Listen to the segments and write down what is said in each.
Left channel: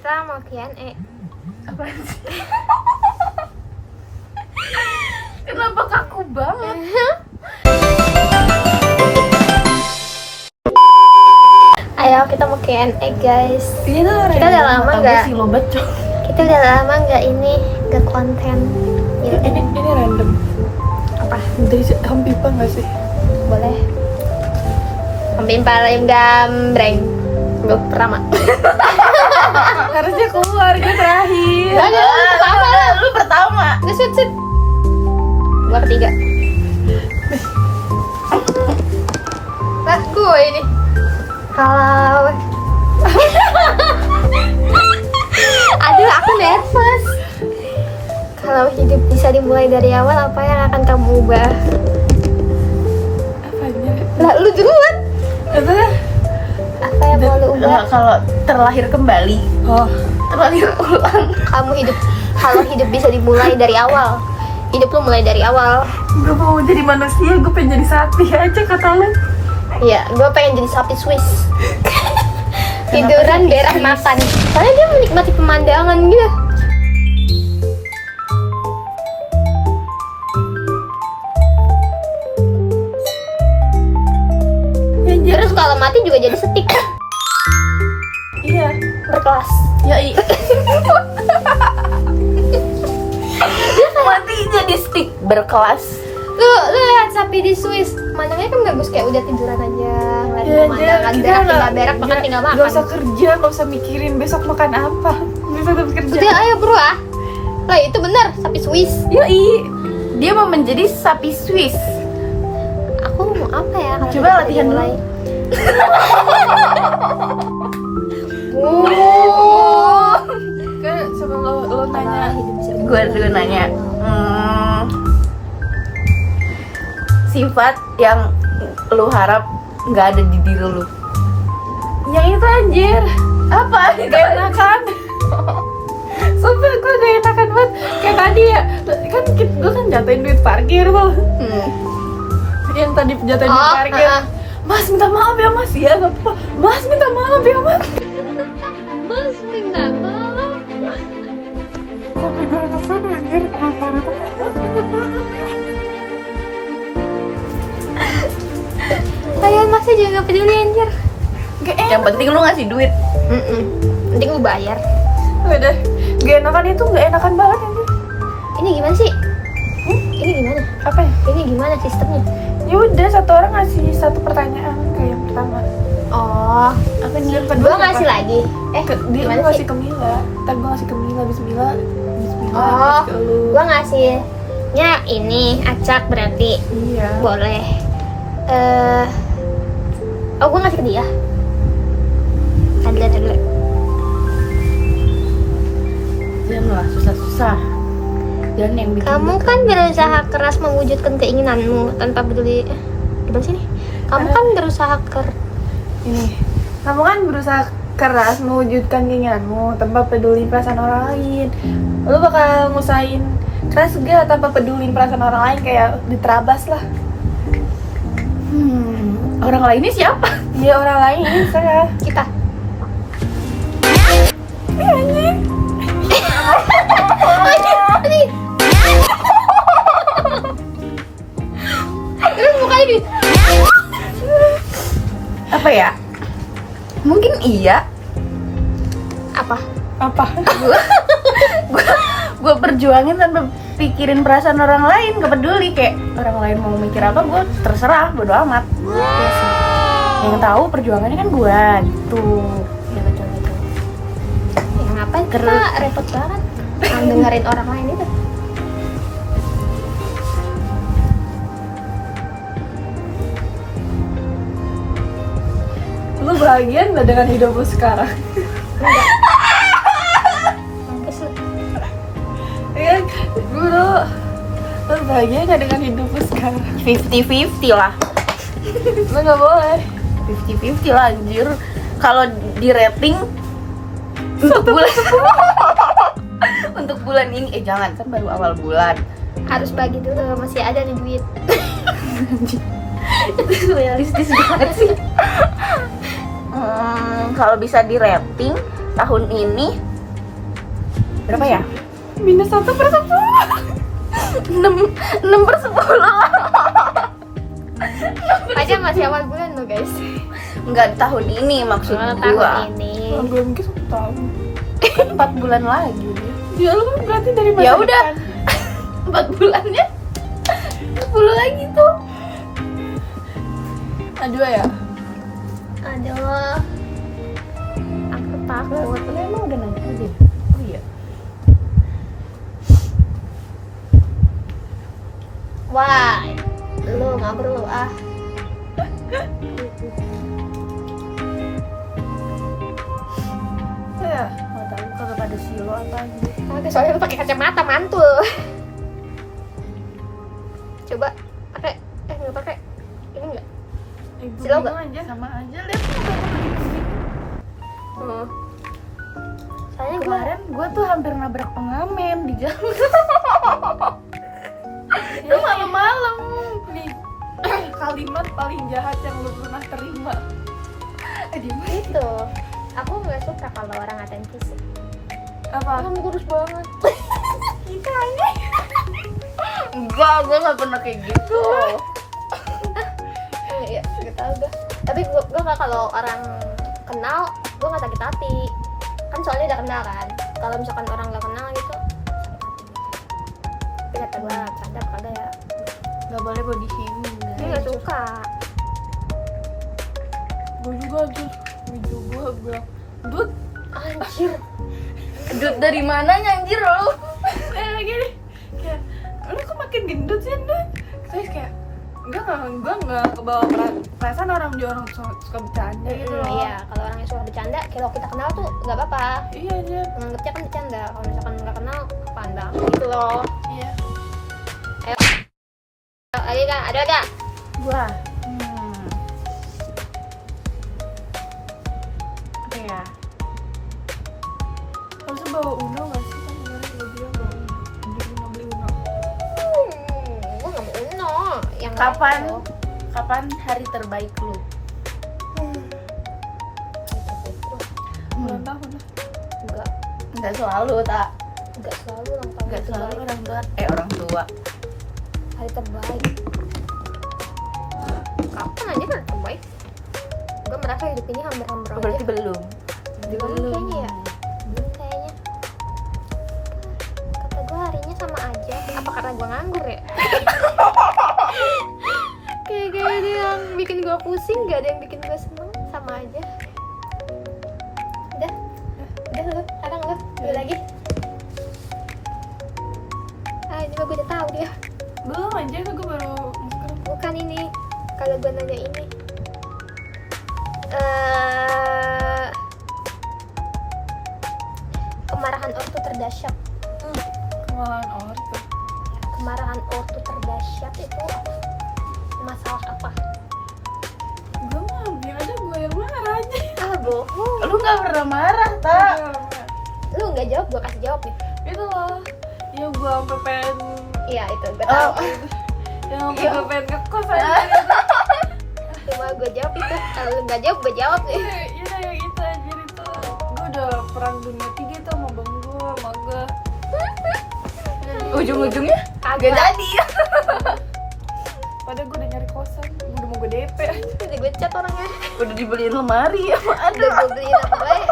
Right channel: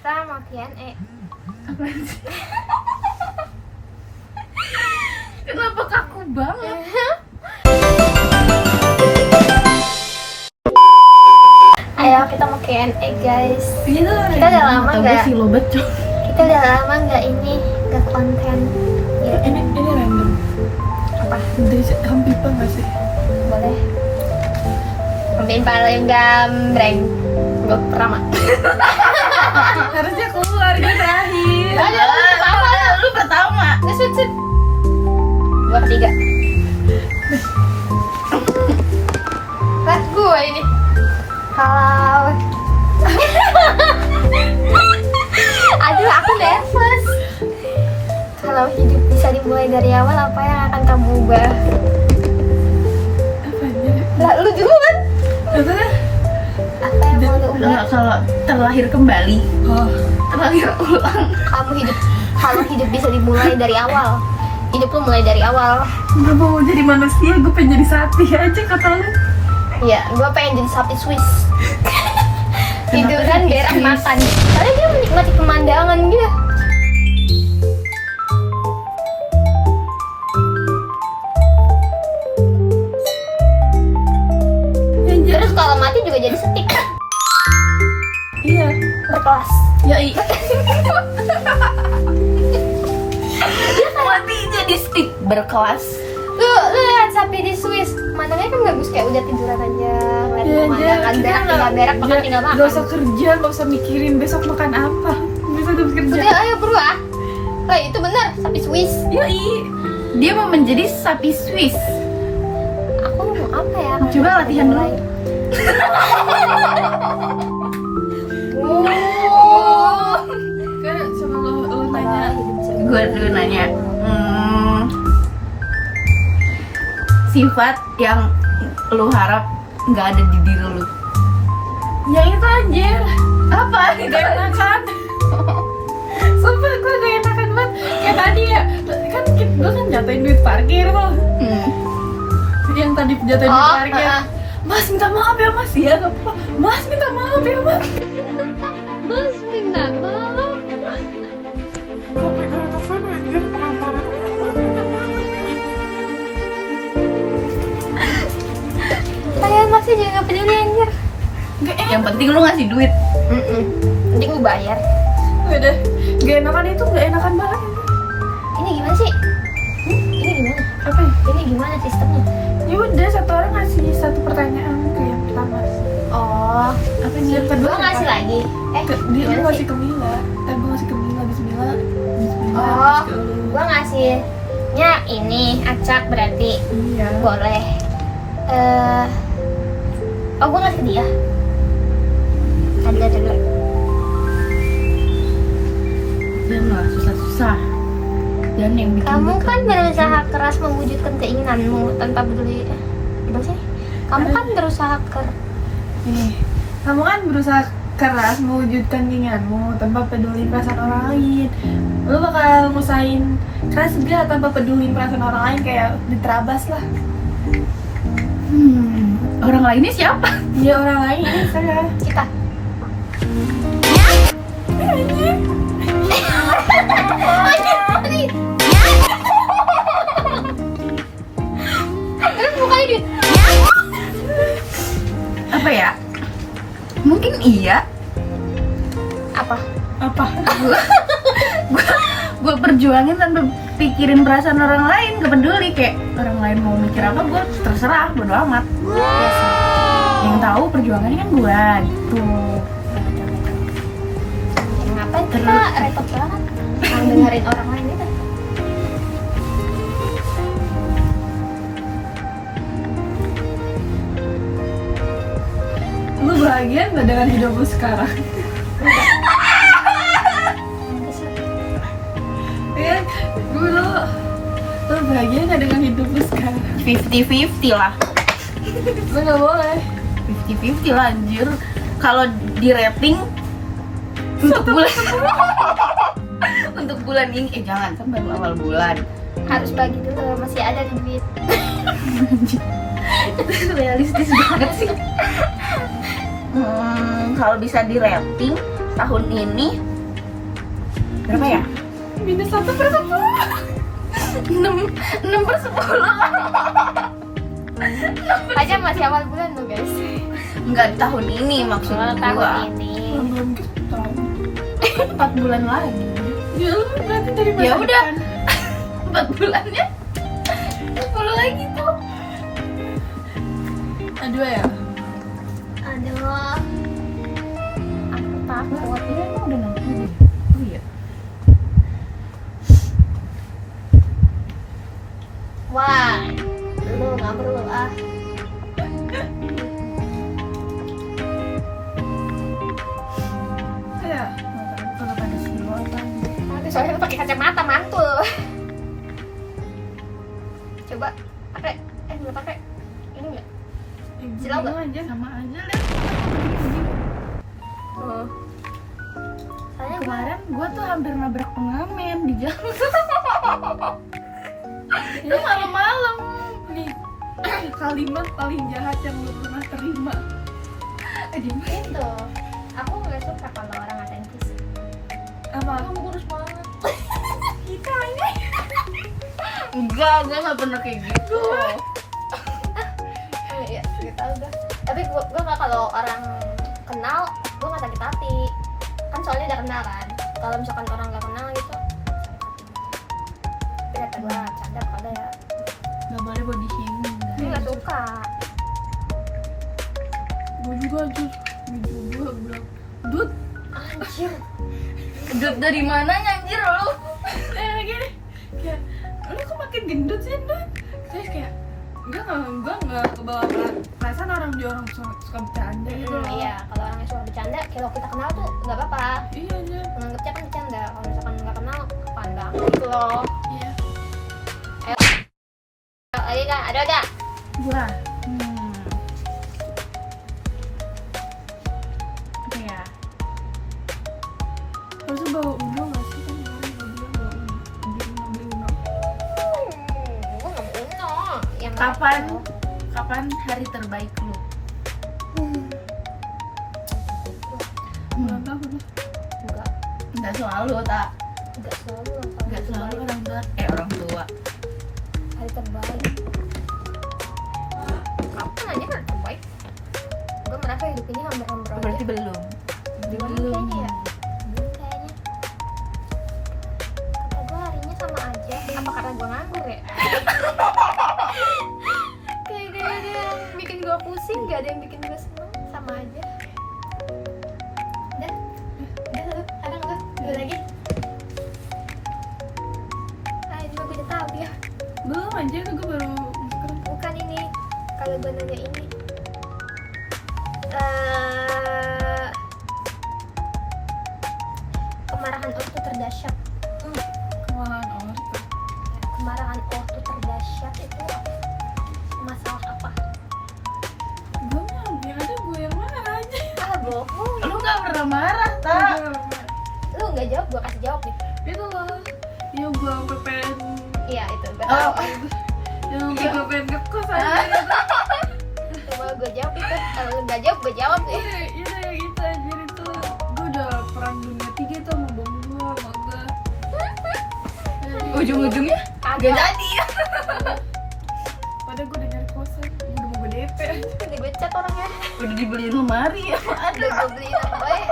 Kita mau Q&A. Apa sih? Kenapa kaku banget? Ayo kita mau Q&A guys. Ini tuh Kita udah lama nggak? sih lo beco. Kita udah lama nggak nggak konten. Ini random. Apa? Dari Home People nggak sih? Boleh. Sampai paling gambreng. Gue pertama. Harusnya keluar gue terakhir. Gak ada, lu pertama lah. Lu pertama. Gue sit. Gue ketiga. Lah gue ini. Halo. Aduh, aku nervous. Kalau hidup bisa dimulai dari awal, apa yang akan kamu ubah? Apanya? Lah, lu duluan. Apa? Apa yang mau lu ubah? Kalau terlahir kembali. Oh. Terlahir ulang. Kalau hidup bisa dimulai dari awal, hidup lu mulai dari awal. Gak mau jadi manusia, gue pengen jadi sapi aja kata lu. Iya, gue pengen jadi sapi Swiss. Tiduran, berak, makan. Karena dia menikmati pemandangan gitu. Terus kalau mati juga jadi setik. Iya. Berkelas. Ya iya. Mati jadi stick berkelas. Lu lihat sapi di Swiss, pemandangannya kan bagus, kayak udah tiduran aja, ngeliat pemandangan, berak tinggal berak, makan tinggal makan. Gak usah kerja, gak usah mikirin besok makan apa. Bisa tetap kerja. Udah ayo bro ah. Lah itu bener, sapi Swiss. Yoi. Dia mau menjadi sapi Swiss. Aku mau apa ya? Kalau Coba kita latihan mulai. Kan coba lo Apa nanya. hidup bisa Gue dulu nanya. Sifat yang lu harap nggak ada di diri lu. Yang itu anjir. Apa? Gak enakan. Sumpah gue gak enakan banget. Kayak tadi ya, kan gue kan jatuhin duit parkir loh. Yang tadi jatuhin duit parkir. Mas minta maaf ya mas, ya gak apa-apa. Mas minta maaf ya mas. Mas minta maaf. Tapi gue enakan anjir. Saya masih juga gak peduli anjir. Yang penting lu ngasih duit. Nanti gue bayar. Udah, gak enakan itu gak enakan banget anjir. Ini gimana sih? Ini gimana? Apa ya? Ini gimana sistemnya? Ya udah, satu orang ngasih satu pertanyaan ke yang pertama. Oh, Apa nih? Yang gue kedua ngasih apa? lagi. Dia gimana lu ngasih sih? ke Mila. Ntar gue ngasih ke Mila, Bismillah. Bismillah. Oh, terus ke lu. gue ngasihnya ini acak berarti. Iya. Boleh. Oh, gue ngasih ke dia. Ada. Janganlah susah-susah. Jangan yang bikin Kamu gue kan keringet. berusaha keras mewujudkan keinginanmu tanpa peduli. Gimana sih? Kamu kan berusaha Ini. Kamu kan berusaha keras mewujudkan keinginanmu tanpa peduli perasaan orang lain. Lu bakal ngusahain keras gak tanpa peduli perasaan orang lain, kayak diterabas lah. Orang lainnya siapa? Iya, orang lain saya. kita. Terus mukanya di Apa ya? Mungkin iya. apa? Gue perjuangin tanpa pikirin perasaan orang lain, gak peduli, kayak orang lain mau mikir apa, gue terserah, bodo amat. Yang tahu perjuangannya kan gue gitu. Ya betul. Ya ngapain kita repot banget dengerin orang lain itu. Lu bahagia nggak dengan hidup lu sekarang? Iya, gue lu bahagia nggak dengan hidup lu sekarang? 50-50 lah. Lu nggak boleh. 50-50 lah anjir. Kalau di rating untuk bulan untuk bulan ini, jangan, kan baru awal bulan. Harus bagi dulu, masih ada di duit. Realistis banget sih. Kalau bisa di rating tahun ini Berapa ya? Minus 1/10. 6/10. Aja masih awal bulan loh guys. Enggak tahun ini maksud Oh, gua. tahun ini. Belum ke 1 tahun. 4 bulan lagi. Ya lu berarti dari masa Ya udah. depan. 4 bulannya 10 lagi tuh. Aduh ya. Aduh. Aku takut. Emang udah naik deh. Oh iya. Wah, lu nggak perlu ah. Saya mata lu kalau pada silo atau Nanti soalnya lu pakai kacamata mantul. Coba pakai, nggak pakai. Ini nggak? Silau nggak? aja. Sama aja lihat. Oh. Soalnya gue Kemarin gue tuh hampir nabrak pengamen di jalan. Lu malam-malam. Nih kalimat paling jahat yang lu pernah terima. itu. Aku nggak suka kalau orang ngatain fisik. Apa? Kamu kurus banget. Enggak, gue gak pernah kayak gitu. Iya, nggak tahu gue. Tapi gue nggak kalau orang kenal, gue nggak sakit hati. Kan soalnya udah kenal kan. Kalau misalkan orang nggak kenal gitu, tapi kata gue sadar kagak ya. Gak boleh body shaming. Dia nggak suka. Gue juga tuh video gue bilang, Dut, Anjir. Gendut dari mananya anjir lu? gini, kayak lu kok makin gendut sih Dut? Terus kayak gue nggak kebawa perasaan orang suka bercanda gitu loh. Iya, kalau orangnya suka bercanda, kalau kita kenal tuh nggak apa-apa. Iya aja. Menganggapnya kan bercanda. Kalau misalkan nggak kenal, pandang gitu loh. Iya. Ayo kan, ada gak? Gua. Oke ya. Terus bawa Uno nggak sih kan kemarin gue bilang bawa Uno, beli Uno. Gue nggak mau Uno. Yang Kapan? Uno. Kapan hari terbaik lu? Ulang tahun. Enggak, Enggak selalu, tak? enggak selalu ulang tahun Enggak itu selalu baik. orang tua. Orang tua. Hari terbaik. Kapan aja hari terbaik? Gue merasa hidup ini hampir-hampir aja. Berarti belum. Belum kayaknya ya. Belum kayaknya. Kata gue harinya sama aja. Apa karena gue nganggur ya? Kayak gak ada yang bikin gue pusing, gak ada yang bikin gue seneng, sama aja. Udah lu, sekarang lu lagi. Ah ini gue udah tahu dia. Belum aja gue baru Bukan ini. Kalau gue nanya ini. Kemarahan ortu terdahsyat. kemalan ortu. Kemarahan ortu terdahsyat itu masalah apa? Gue mah yang ada gue yang marah aja. Ah bohong. Lu gak pernah marah, tak? Lu nggak jawab, gue kasih jawab nih. Itu loh. Yang gue sampai pengen Iya itu, gue tahu. yang sampai gue pengen ngekos aja. Cuma gue jawab itu. Kalau lu nggak jawab, gue jawab sih. Iya yang itu anjir itu. Gue udah perang dunia 3 tuh sama bang gue, sama gue. Ujung-ujungnya Kagak. gak jadi. Padahal gue udah nyari kosan, udah mau gue DP. Udah gue chat orangnya. Udah dibeliin lemari ya, Mak. Udah gue beliin apa baik.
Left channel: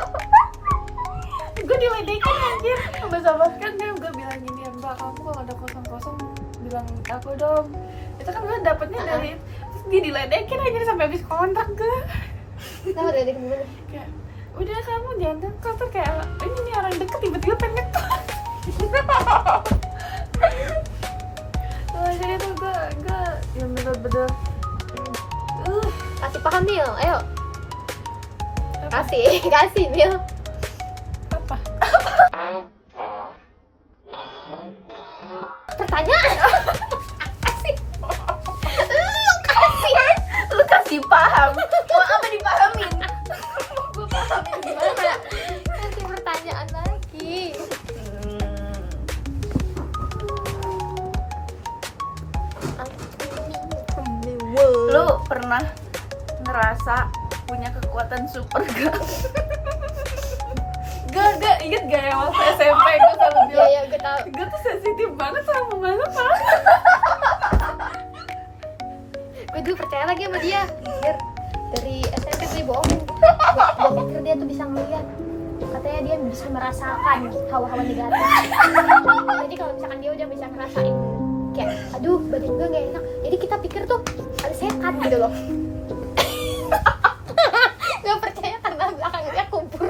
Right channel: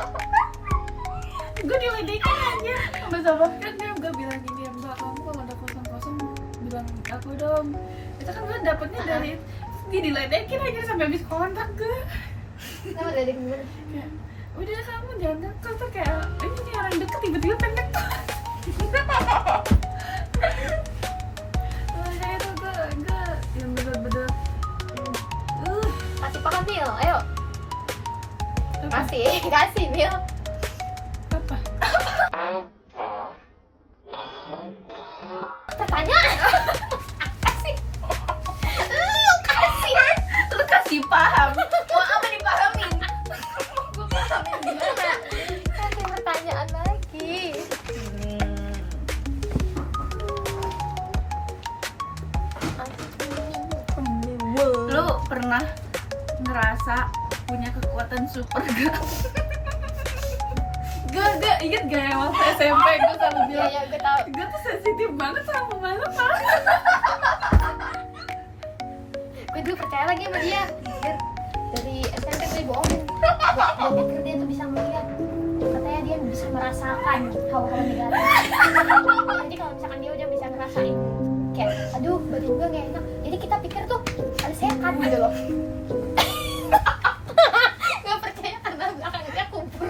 Gue diledekin anjir. Sama kan gue bilang gini, Mbak kamu kalau ada kosong-kosong bilang aku dong. Itu kan gue dapetnya dari terus dia diledekin anjir sampai habis kontrak gue. Kenapa udah gimana? Kayak, udah kamu jangan ngekos tuh kayak ini nih orang deket tiba-tiba pengen ngekos. Wah jadi tuh gue yang bener-bener Kasih paham Mil, ayo. apa? Kasih Mil. Apa? Pertanyaan. Kasih. Lu kasih paham. Mau apa dipahami? Kasih pertanyaan lagi. Lu pernah ngerasa punya kekuatan super gak? Gak inget gak ya waktu SMP gue selalu Iya bilang iya gue tahu. gue tuh sensitif banget sama pembalap kan. Gue dulu percaya lagi sama dia. Biar dari SMP gue bohongin. Gue pikir dia tuh bisa ngeliat. Katanya dia bisa merasakan hawa-hawa negatif. Jadi kalau misalkan dia udah bisa ngerasain kayak, aduh badan gue gak enak. Jadi kita pikir tuh ada sekat gitu loh. Gue percaya karena belakangnya kubur.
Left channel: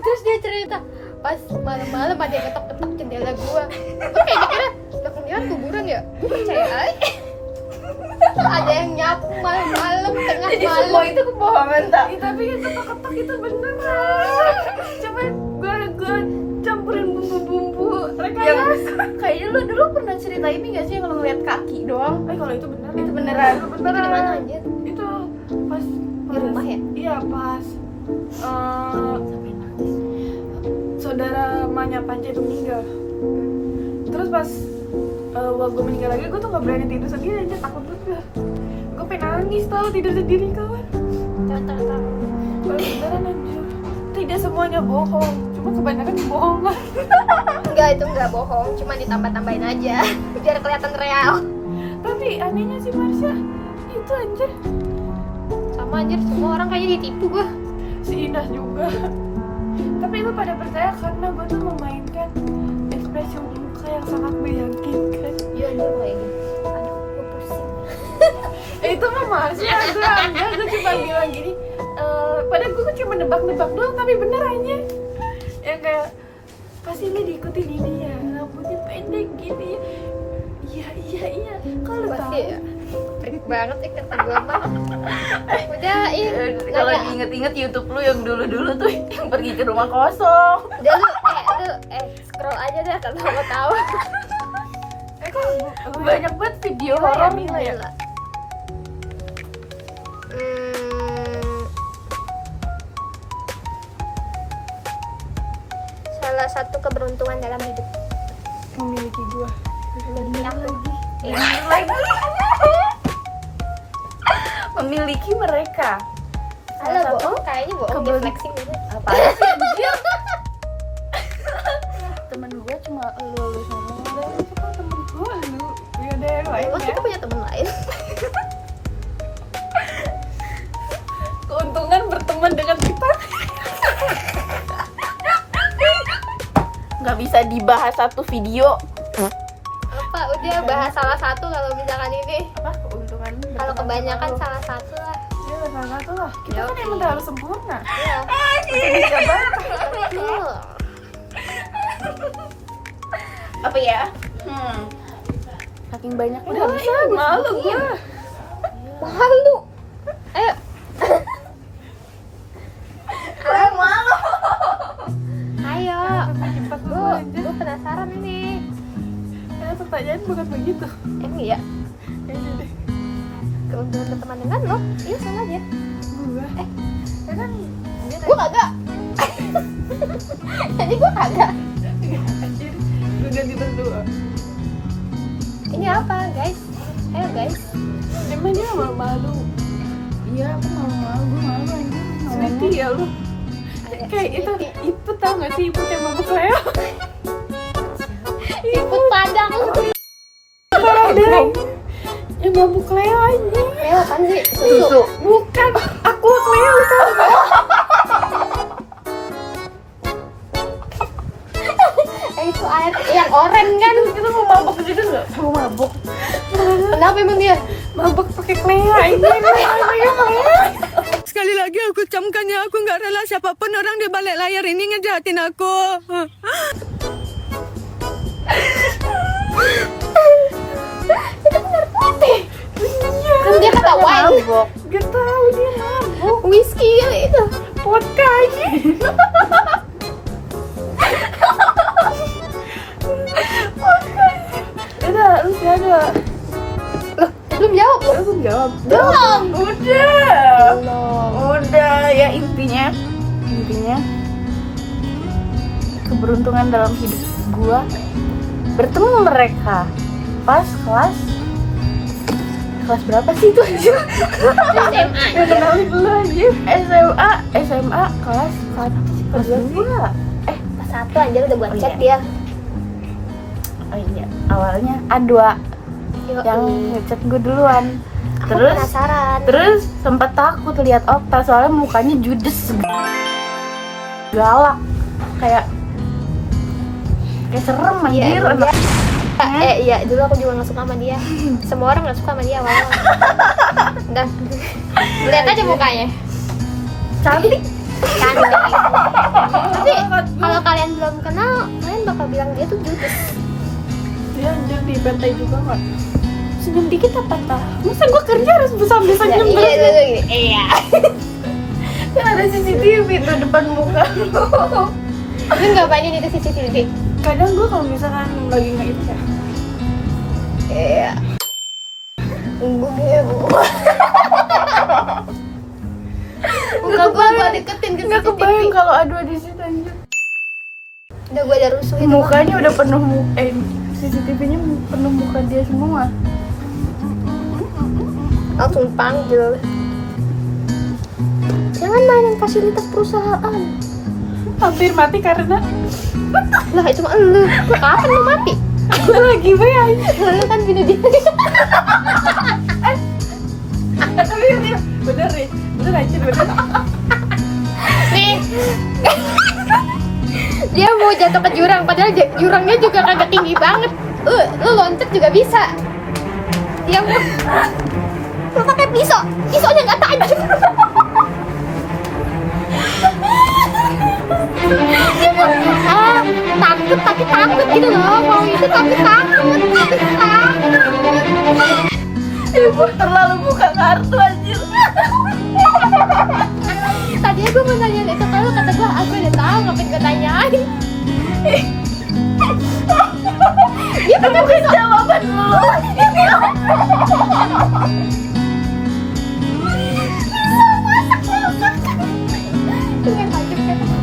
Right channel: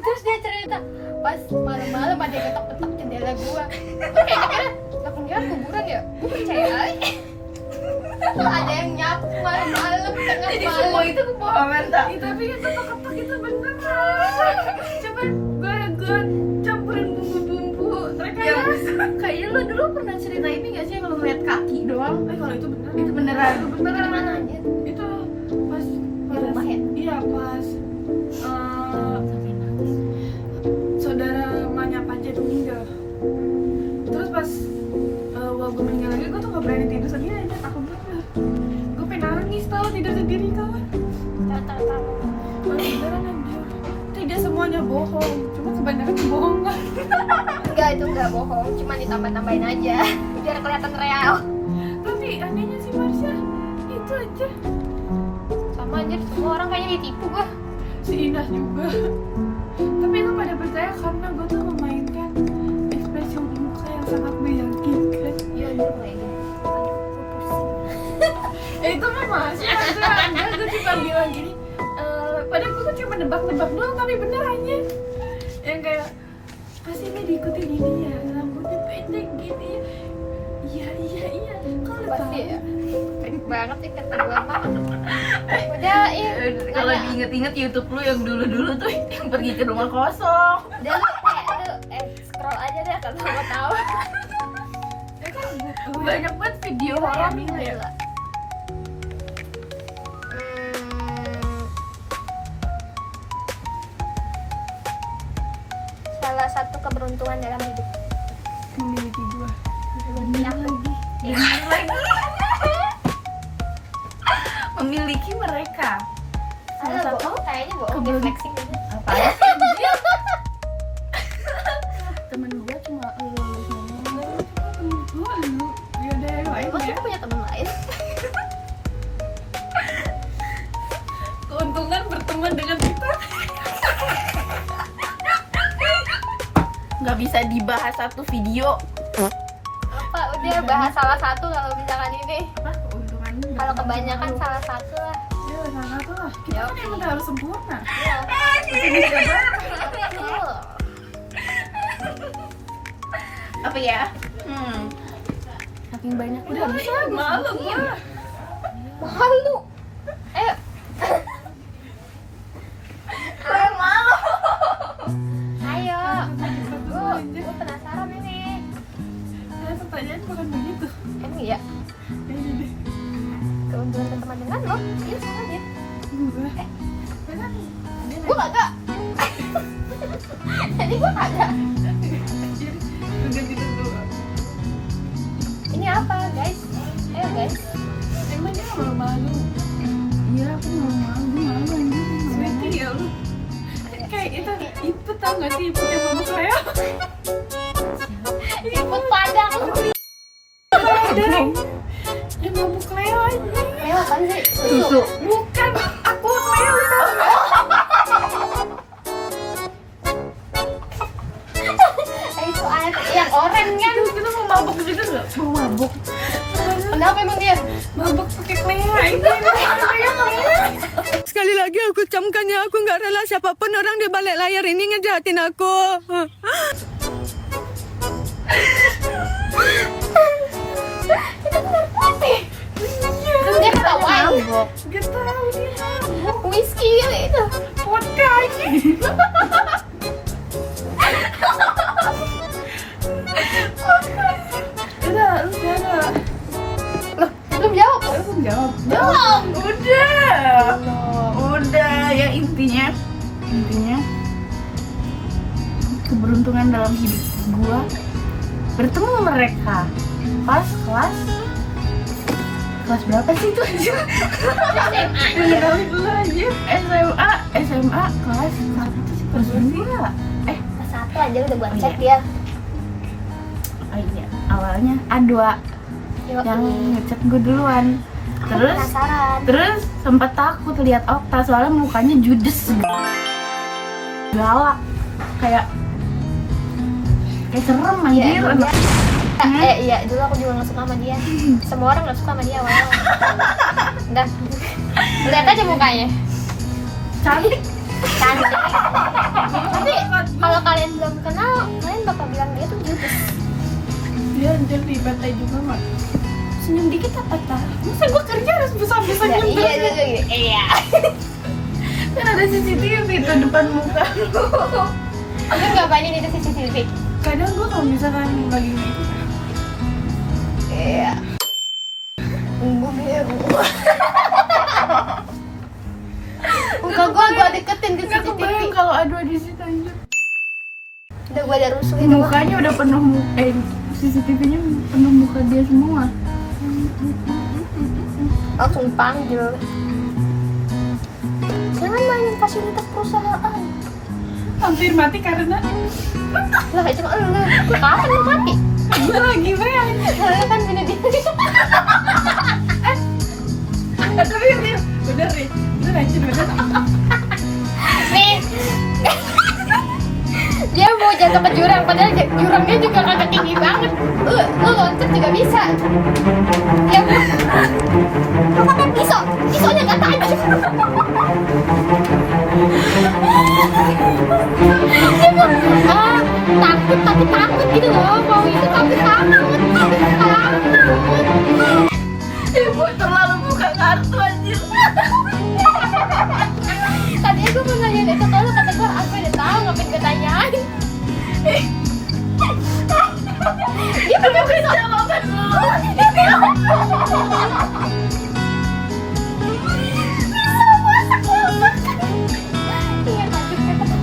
Terus dia cerita pas malam-malam ada yang ketok-ketok jendela gue kayak mikirnya belakangnya kuburan ya. Gue percaya aja. Ada yang nyapu malam-malam tengah Jadi semua malam. itu kebohongan tak? Ya, tapi itu ketok-ketok itu bener kan. Cuman gue campurin bumbu-bumbu rekayasa. Kayaknya lu dulu pernah cerita ini gak sih yang lu lihat kaki doang? Kalau itu bener. Itu beneran. Itu Itu di mana beneran. anjir? Itu pas Di rumah ya? Iya pas saudara emaknya Panca itu meninggal. Terus pas waktu gue meninggal lagi, gue tuh gak berani tidur sendiri aja, takut bener. Gue pengen nangis tau tidur sendiri kawan. Tahu. Beneran anjir. Tidak semuanya bohong, cuma kebanyakan kebohongan. Enggak, itu enggak bohong, cuma ditambah-tambahin aja biar kelihatan real. Tapi anehnya sih Marsha, itu anjir. Sama anjir, semua orang kayaknya ditipu gua. Si Indah juga. Tapi itu pada percaya karena gue tuh memainkan ekspresi muka yang sangat meyakinkan. Iya anjir kayak gitu. Aduh, gua pusing. Itu mah masih ada gue cuma bilang gini. Padahal gue cuma nebak-nebak doang, tapi bener aja. Yang kayak pasti lo diikuti di dia, rambutnya pendek gini. Iya. Kalau Pasti tahu. ya. Freak banget sih kata gua mah. Udah, Kalau nanya. diinget-inget YouTube lu yang dulu-dulu tuh yang pergi ke rumah kosong. Udah lu scroll aja deh kalau mau tahu. Banyak banget video Gila ya, horor. Mila ya. Gila. Salah satu keberuntungan dalam hidup. Memiliki gue. Memiliki mereka. Halo bohong, kayaknya bohong dia flexing gitu. Apa? Temen gue cuma lulus ngomong. Temen gue lu. Ya udah yang lain Emang ya. kita punya teman lain. Keuntungan berteman dengan kita. Nggak bisa dibahas satu video. Apa udah bahas salah satu kalau misalkan ini. Keuntungan. Kalau kebanyakan salah satu lah. Ya salah satu lah. Kita kan emang harus sempurna. Iya. Bisa banget. Betul. Apa ya? Saking banyak Udah bisa malu gue. Malu. Ayo. malu. Ayo. Jebak Gue gue aja. gue penasaran ini. Pertanyaan bukan begitu. Emang iya. Ya udah deh. Keuntungan berteman dengan lo? Iya sama aja. Gue. Ya kan. Gue kagak. Jadi gue kagak. Anjir. Udah kita berdua. Ini apa guys? Ayo guys. Emang dia malu. Iya, aku malu. Gue malu anjir. Sweetie ya lu. Ayo. Kayak itu tau gak sih ibu yang mabuk saya? Ikut padang. Deng. Yang mabuk Leo aja. Ayo apaan sih? Susu. Bukan, aku Leo tau gak? Itu air yang oranye kan? Itu mau mabuk gitu nggak? Mau mabuk. Kenapa emang dia? Mabuk pakai Leo aja. Sekali lagi aku camkan ya, aku nggak rela siapapun orang di balik layar ini ngejahatin aku. Kan dia kata wine. Gak tau dia mabuk. Whisky kali itu. Vodka aja. Udah, lu jaga. Belum jawab loh. Belum jawab. Belum. Udah ya intinya keberuntungan dalam hidup gua bertemu mereka pas kelas kelas berapa sih itu anjir? SMA. Yang kenalin dulu anjir. SMA kelas 1 kelas 2. Pas 1 anjir udah buat chat dia. Oh iya, awalnya A2 Yuk, yang ngechat gue duluan. aku Terus penasaran. Terus sempat takut lihat Okta soalnya mukanya judes, galak, kayak serem Iya, anjir. iya. Iya, dulu aku juga gak suka sama dia. Semua orang gak suka sama dia awal-awal. Dan lihat aja mukanya. Cantik. Cantik. Tapi kalau kalian belum kenal, kalian bakal bilang dia tuh judes. Dia anjir di pantai juga nggak senyum dikit apa tak? Masa gue kerja harus sambil senyum Iya, terus? iya, iya. Iya. Ya ada CCTV di depan muka. Lu ngapain itu CCTV? Kadang gue kalau misalkan lagi nggak itu kan Iya. Gue gitu. Muka gue deketin ke Nggak CCTV. kebayang kalau A2 di situ anjir. Udah gue ada rusuhin. Mukanya udah penuh CCTV-nya penuh muka dia semua. Langsung panggil. Jangan mainin fasilitas perusahaan. hampir mati karena Lah itu mah elu. Kapan lo mati? gue lagi bayang. Lu kan bunuh diri. Tapi dia bener nih, bener anjir bener. Nih. Dia mau jatuh ke jurang, padahal jurangnya juga kagak tinggi banget. Lu loncat juga bisa. Dia mau lu pakai pisau, pisaunya nggak tajam. Dia mau takut tapi takut gitu loh, mau itu tapi takut. Ibu terlalu buka kartu anjir. Tadinya gue mau nanya itu kalau kata gue aku udah tahu ngapain gue tanyain. Dia pakai pisau. Jawaban lu.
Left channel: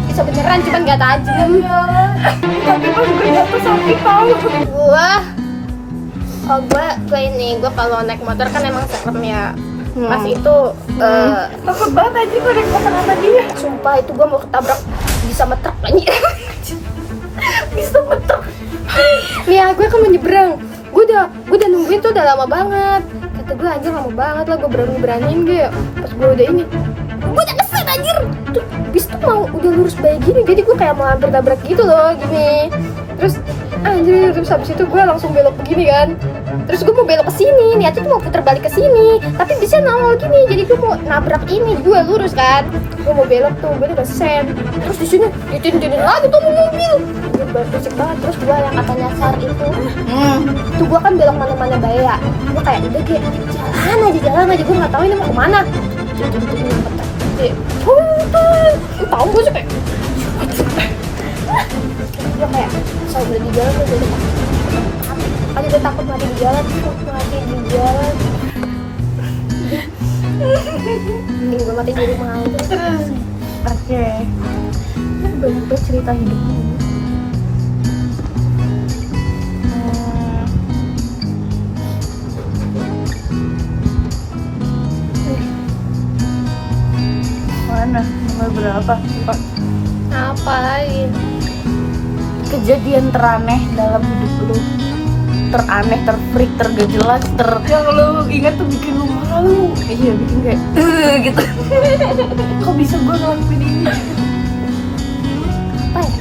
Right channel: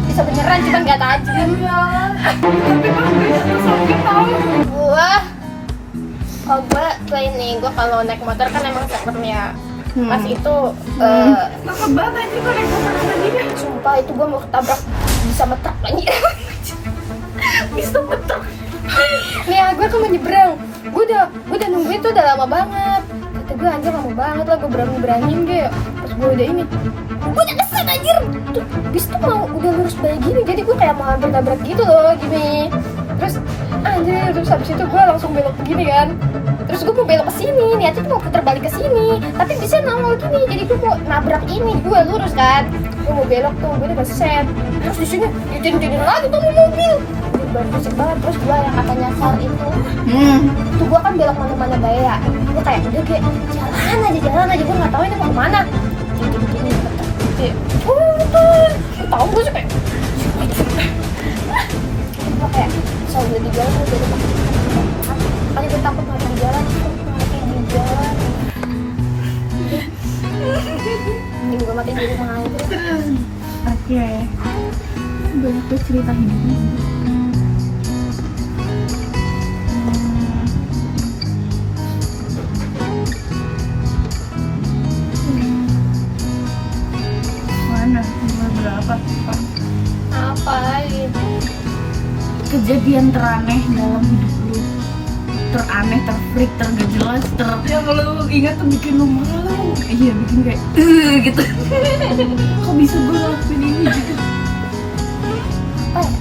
Bisa beneran cuman gak tajam. Tapi pas gue jatuh sakit tau. Gue ini kalau naik motor kan emang serem ya. Pas itu Takut banget aja gue naik motor sama dia. sumpah itu gue mau ketabrak bisa metruk lagi. Bisa metruk. Nih ya, gue kan mau nyebrang. Gue udah nungguin tuh udah lama banget. Kata gue anjir lama banget lah, gue beraniin deh. Pas gue udah ini, gue udah kesel anjir. Tuh bis tuh mau udah lurus kayak gini, jadi gue kayak mau hampir nabrak gitu loh gini. Terus anjir, terus habis itu gue langsung belok begini kan. Terus gue mau belok ke sini, niatnya tuh mau putar balik ke sini, tapi bisa nongol gini, jadi gue mau nabrak ini, gue lurus kan. Gue mau belok tuh, gue udah sen. Terus di sini ditin-tinin lagi tuh mobil. Gue baru berisik banget. Terus gue yang kata nyasar itu, tuh gue kan belok mana-mana baya. Gue kayak udah kayak jalan aja, gue nggak tahu ini mau kemana. Ditin-tinin kata, kayak, tuh tahu gue sih kayak, gue kayak asal udah di jalan gue udah takut. Kan udah takut mati di jalan, Mending gue mati di rumah aja. Oke. Banyak tuh cerita hidupnya. Mana? Nomor berapa? Pak? Apa lagi? Kejadian teraneh dalam hidup lu. Teraneh, terfreak, tergak jelas, Yang lu ingat tuh bikin lu malu. iya bikin kayak gitu. Kok bisa gue ngelakuin ini gitu? Apa ya?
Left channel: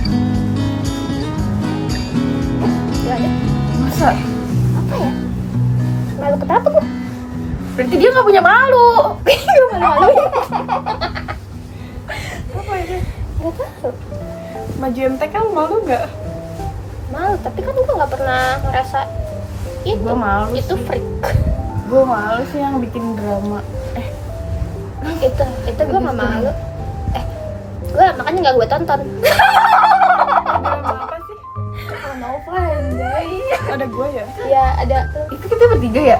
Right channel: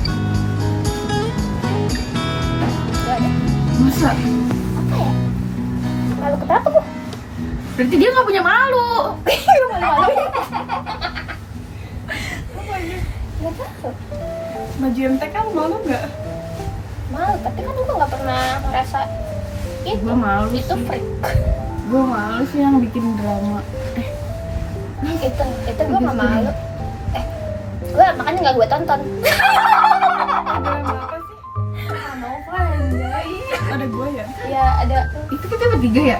Gak ada. Masa? Apa ya? Malu kenapa gue? Berarti dia nggak punya malu. Malu-maluin. Apa ini? Gak tahu. Maju MTK lu malu nggak? Malu, tapi kan gue gak pernah ngerasa itu. Gua malu Itu sih. freak. Gue malu sih yang bikin drama. Itu gue gak malu. Gue makanya gak gue tonton. Drama apa sih? Nova anjay. Ada gue ya? Ya ada Itu kita bertiga ya?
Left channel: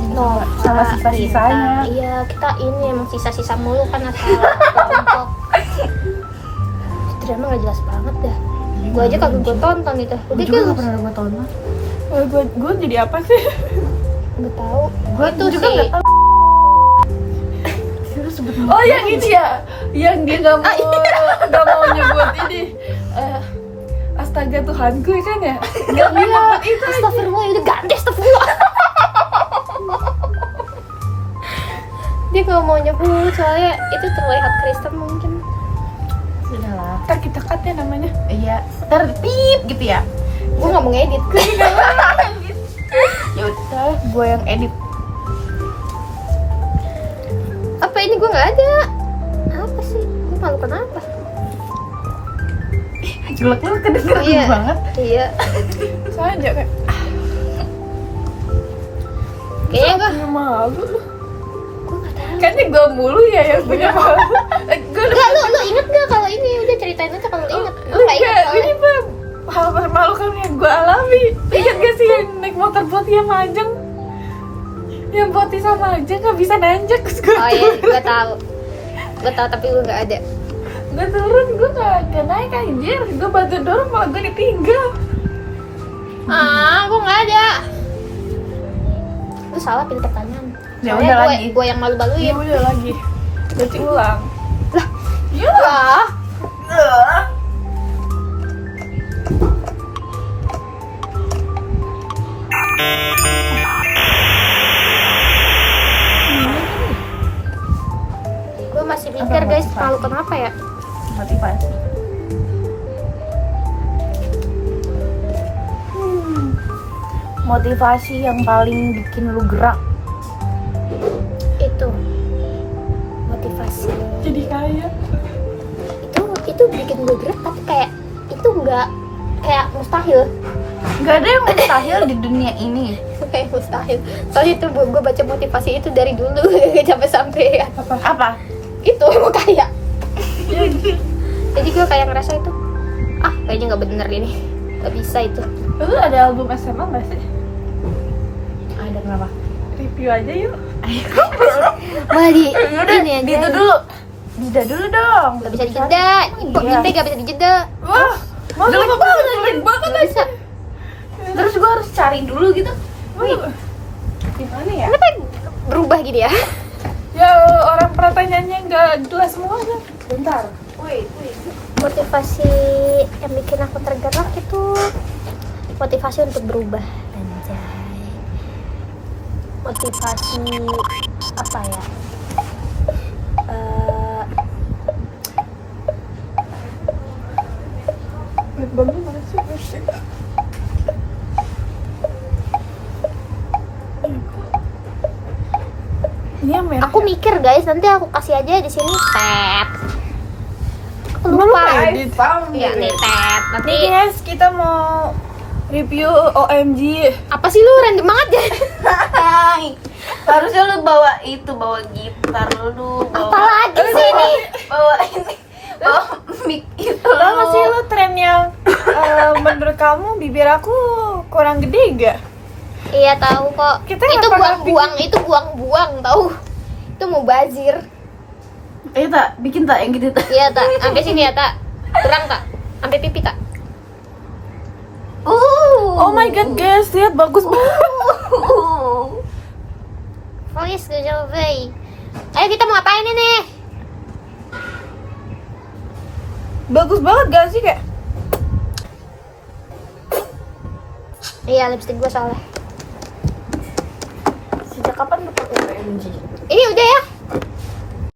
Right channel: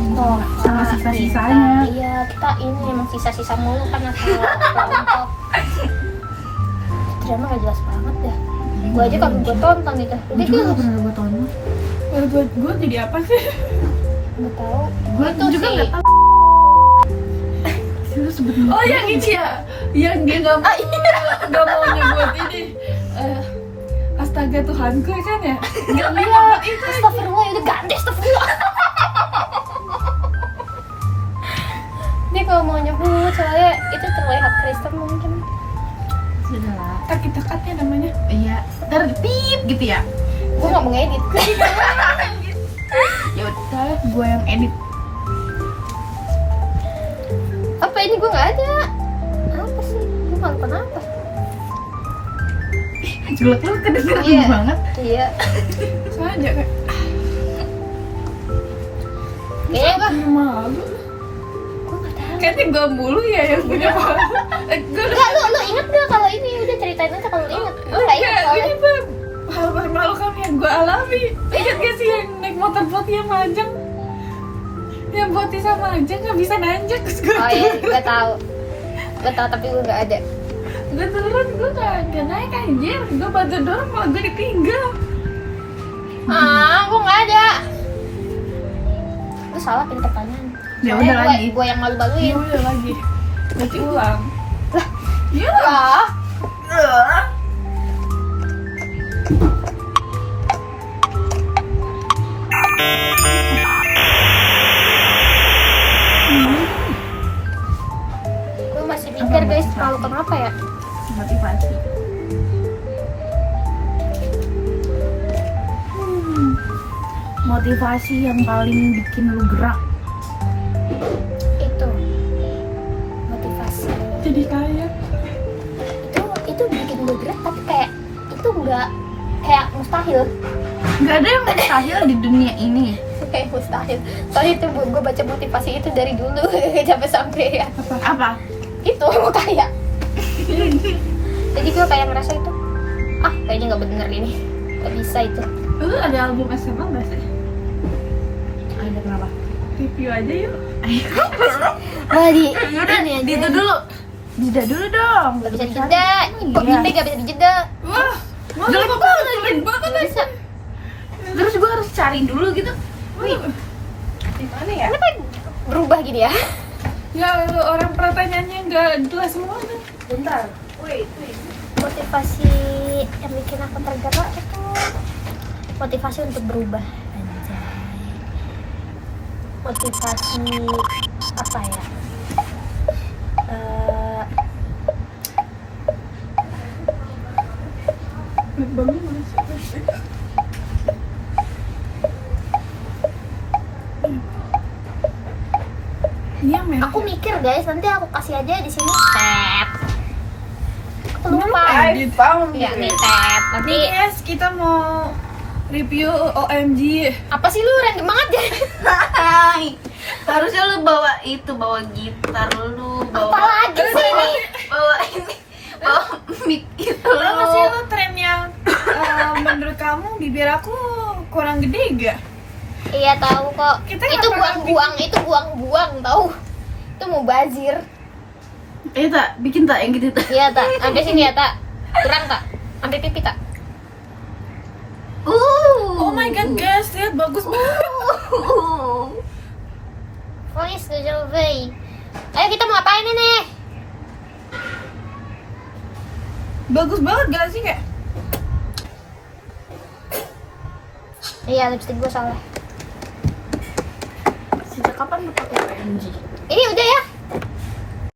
Nova. Sama sisa-sisanya. Iya, kita ini emang sisa-sisa mulu kan asal kelompok. Drama gak jelas banget dah. Gue aja kagak gue tonton itu. Gue Udah juga gitu. gak pernah gue tonton. Gue jadi apa sih? Gue tahu. Gue Itu juga sih. nggak tahu. Lu sebut Oh yang ini ya, yang dia nggak mau nyebut ini. Astaga Tuhanku kan ya? Nggak mau nyebut itu. Astagfirullah, itu ganti astagfirullah. Dia gak mau nyebut soalnya itu terlihat Kristen mungkin. Sudahlah. Ntar kita cut ya namanya. Iya. Ntar pip gitu ya. Gue gak mau ngedit. Ya udah, gue yang edit. Apa ini gue gak ada? Apa sih? Gue malu kenapa? Jelek lu kedengeran Iya. banget. Iya. Soalnya kayak Kayaknya gue malu. gak tahu. Kayaknya gue mulu ya yang punya malu. Gue Enggak, lu inget gak kalau ini udah ceritain aja kalau lu inget. Gue gak inget ini soalnya. tuh hal memalukan yang gue alami. Ingat gak sih yang naik motor Poti sama Ajeng? Yang Poti sama Ajeng gak bisa nanjak. Terus gue Oh iya, gue tahu. Gue tahu tapi gue gak ada. gue turun, gue gak naik anjir. Gue bantu dorong malah gue ditinggal. Gue gak ada. Lu salah pilih pertanyaan. Ya Soalnya udah lagi. gue yang malu-maluin. Iya udah lagi. Berarti ulang. Lah, Iya. lah. Gue masih mikir guys, malu kenapa ya? Motivasi. Motivasi yang paling bikin lu gerak. Itu motivasi. Jadi kaya. Itu bikin gue gerak tapi kayak itu nggak kayak mustahil. Nggak ada yang mustahil di dunia ini. Kayak mustahil. Soalnya itu gue baca motivasi itu dari dulu sampai ya. Apa? Itu mau kaya. Jadi gue kayak ngerasa itu kayaknya nggak bener ini, nggak bisa itu. Lu ada album SMA gak sih? Ada kenapa? Review aja yuk. Wah ini aja. Itu dulu. Jeda dulu dong. Nggak bisa dijeda. Kok Iya. Ipe nggak bisa dijeda? Wah, masa Jelek banget, jelek banget Nggak bisa. Terus gue harus cari dulu gitu. Gimana ya? Kenapa berubah gini ya? Ya orang pertanyaannya nggak jelas semuanya. Bentar. Wait. Motivasi yang bikin aku tergerak itu motivasi untuk berubah. Anjay. Motivasi apa ya? Bangun mana sih? Iya merah. Aku mikir guys, nanti aku kasih aja di sini tab. Aku lupa. Iya nih tab. Nanti Nih guys, kita mau review OMG. apa sih lu random banget ya? Hai. Harusnya lu bawa gitar lu. Apa lagi sih ini? Bawa ini. Bawa mic itu. Tahu gak sih lo tren yang menurut kamu bibir aku kurang gede gak? Iya tahu kok. Kita Itu nggak buang-buang tahu. Itu mau bazir. Tak, bikin tak yang gitu tak. Iya tak, sampai sini ya tak. Kurang tak? Sampai pipi tak? Oh my god guys, lihat bagus banget. Please go away. Ayo kita mau ngapain ini? Bagus banget gak sih kayak? Iya lipstick gue salah. Sejak kapan lu pakai OMG? Iya